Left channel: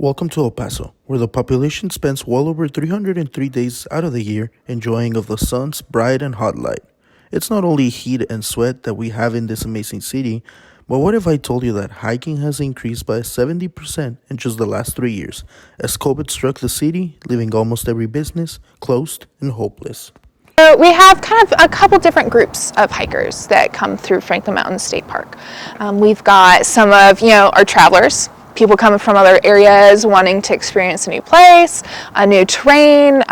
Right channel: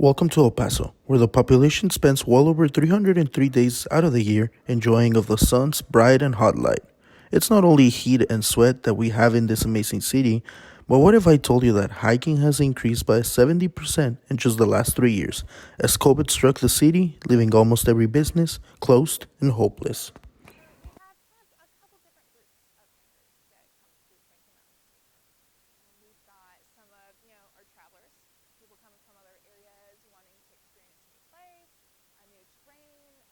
Welcome to El Paso, where the population spends well over 303 days out of the year enjoying of the sun's bright and hot light. It's not only heat and sweat that we have in this amazing city, but what if I told you that hiking has increased by 70% in just the last 3 years, as COVID struck the city, leaving almost every business closed and hopeless? So we have kind of a couple different groups of hikers that come through Franklin Mountain State Park. We've got some of, our travelers, people coming from other areas wanting to experience a new place, a new terrain,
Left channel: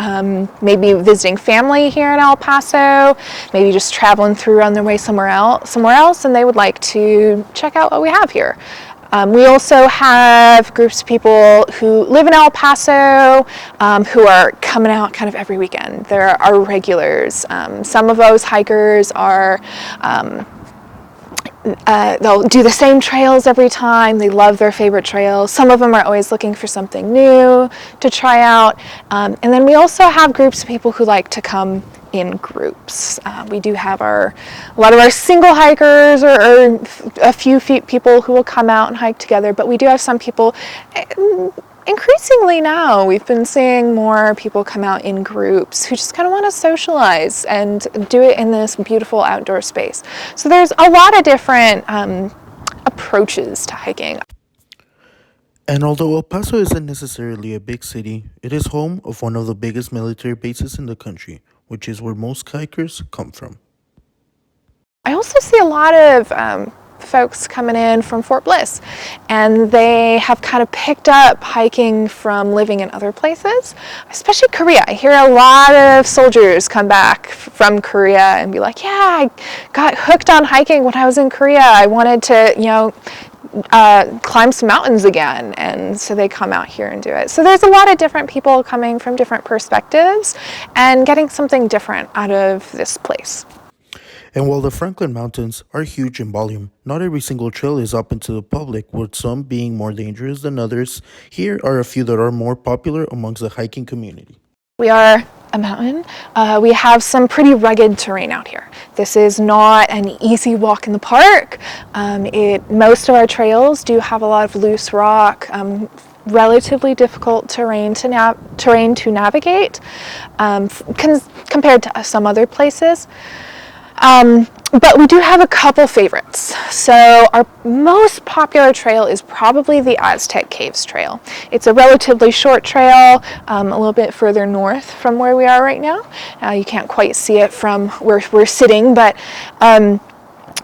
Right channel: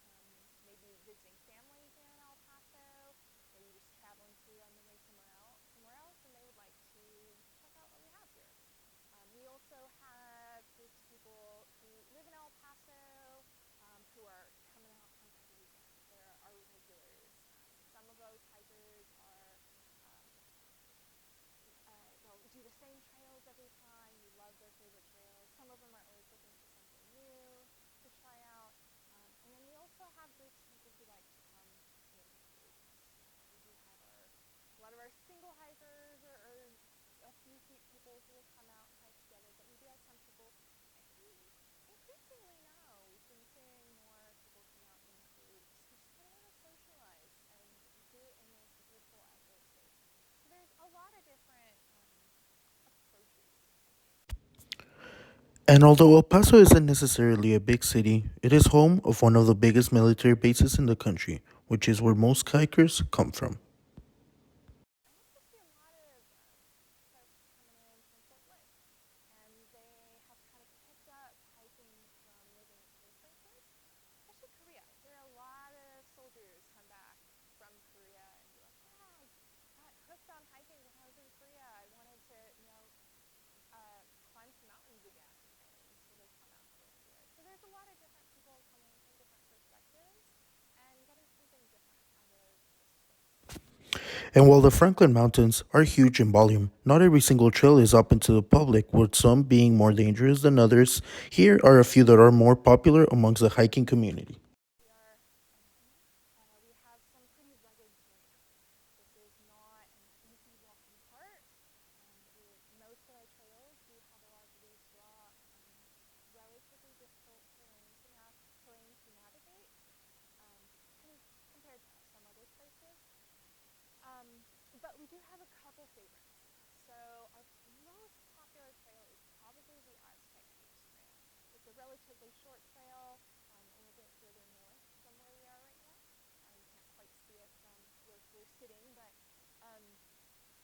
maybe visiting family here in El Paso, maybe just traveling through on their way somewhere else, and they would like to check out what we have here. We also have groups of people who live in El Paso who are coming out kind of every weekend. There are regulars. Some of those hikers are they'll do the same trails every time. They love their favorite trails. Some of them are always looking for something new to try out. And then we also have groups of people who like to come in groups. We do have a lot of our single hikers or a few people who will come out and hike together, but we do have some people. Increasingly now, we've been seeing more people come out in groups who just kind of want to socialize and do it in this beautiful outdoor space. So there's a lot of different approaches to hiking. And although El Paso isn't necessarily a big city, it is home of one of the biggest military bases in the country, which is where most hikers come from. I also see a lot of folks coming in from Fort Bliss, and they have kind of picked up hiking from living in other places, especially Korea. I hear a lot of soldiers come back from Korea and be like, yeah, I got hooked on hiking when I was in Korea. I wanted to, climb some mountains again, and so they come out here and do it. So there's a lot of different people coming from different perspectives and getting something different out of this place. And while the Franklin Mountains are huge in volume, not every single trail is open to the public, with some being more dangerous than others. Here are a few that are more popular amongst the hiking community. We are a mountain. We have some pretty rugged terrain out here. This is not an easy walk in the park. Most of our trails do have a lot of loose rock, relatively difficult terrain to navigate compared to some other places. But we do have a couple favorites. So our most popular trail is probably the Aztec Caves Trail. It's a relatively short trail, a little bit further north from where we are right now. You can't quite see it from where we're sitting, but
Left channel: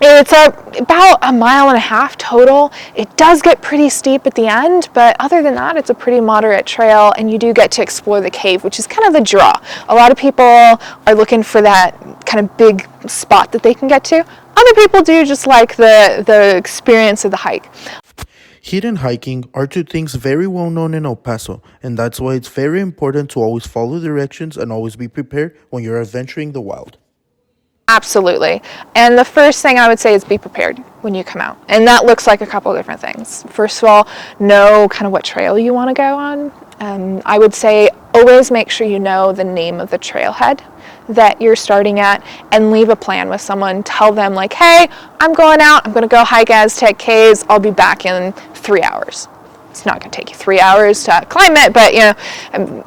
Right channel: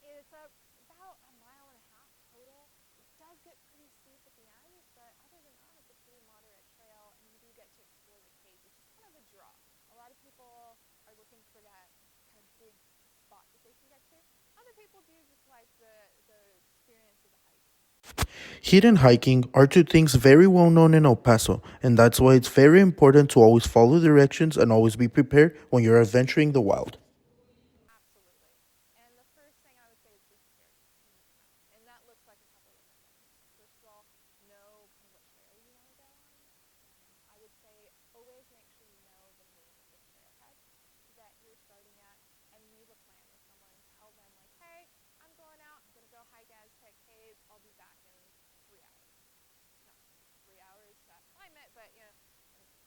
it's about 1.5 miles total. It does get pretty steep at the end, but other than that, it's a pretty moderate trail, and you do get to explore the cave, which is kind of the draw. A lot of people are looking for that kind of big spot that they can get to. Other people do just like the experience of the hike. Heat and hiking are two things very well known in El Paso, and that's why it's very important to always follow directions and always be prepared when you're adventuring the wild. Absolutely. And the first thing I would say is be prepared when you come out. And that looks like a couple different things. First of all, know kind of what trail you want to go on. I would say always make sure you know the name of the trailhead that you're starting at, and leave a plan with someone. Tell them like, hey, I'm going out. I'm going to go hike Aztec Caves. I'll be back in 3 hours. It's not going to take you 3 hours to climb it, but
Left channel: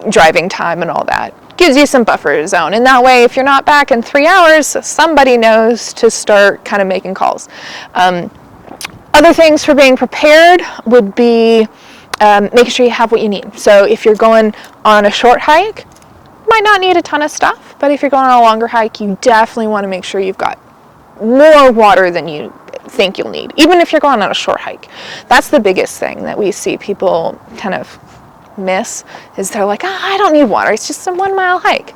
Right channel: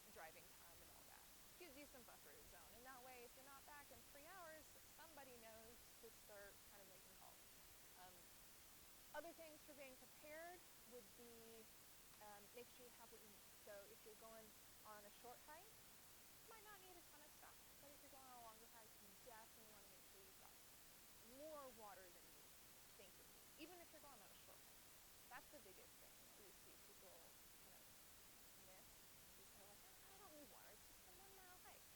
driving time and all that gives you some buffer zone. And that way, if you're not back in 3 hours, somebody knows to start kind of making calls. Other things for being prepared would be making sure you have what you need. So if you're going on a short hike, you might not need a ton of stuff, but if you're going on a longer hike, you definitely want to make sure you've got more water than you think you'll need, even if you're going on a short hike. That's the biggest thing that we see people kind of miss, is they're like, I don't need water, it's just a 1 mile hike.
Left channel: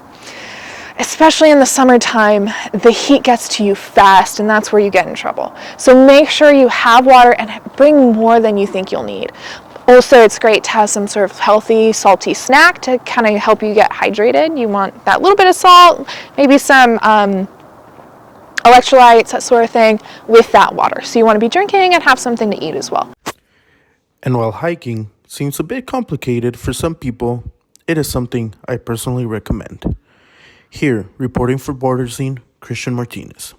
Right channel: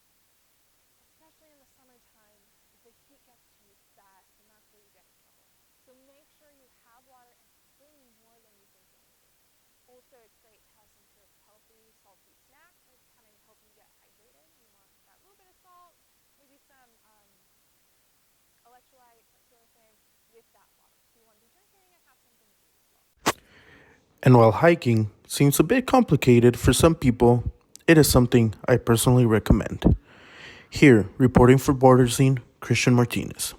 Especially in the summertime, the heat gets to you fast, and that's where you get in trouble. So make sure you have water and bring more than you think you'll need. Also, it's great to have some sort of healthy, salty snack to kind of help you get hydrated. You want that little bit of salt, maybe some electrolytes, that sort of thing, with that water. So you want to be drinking and have something to eat as well. And while hiking seems a bit complicated for some people, it is something I personally recommend. Here, reporting for Border Scene, Christian Martinez.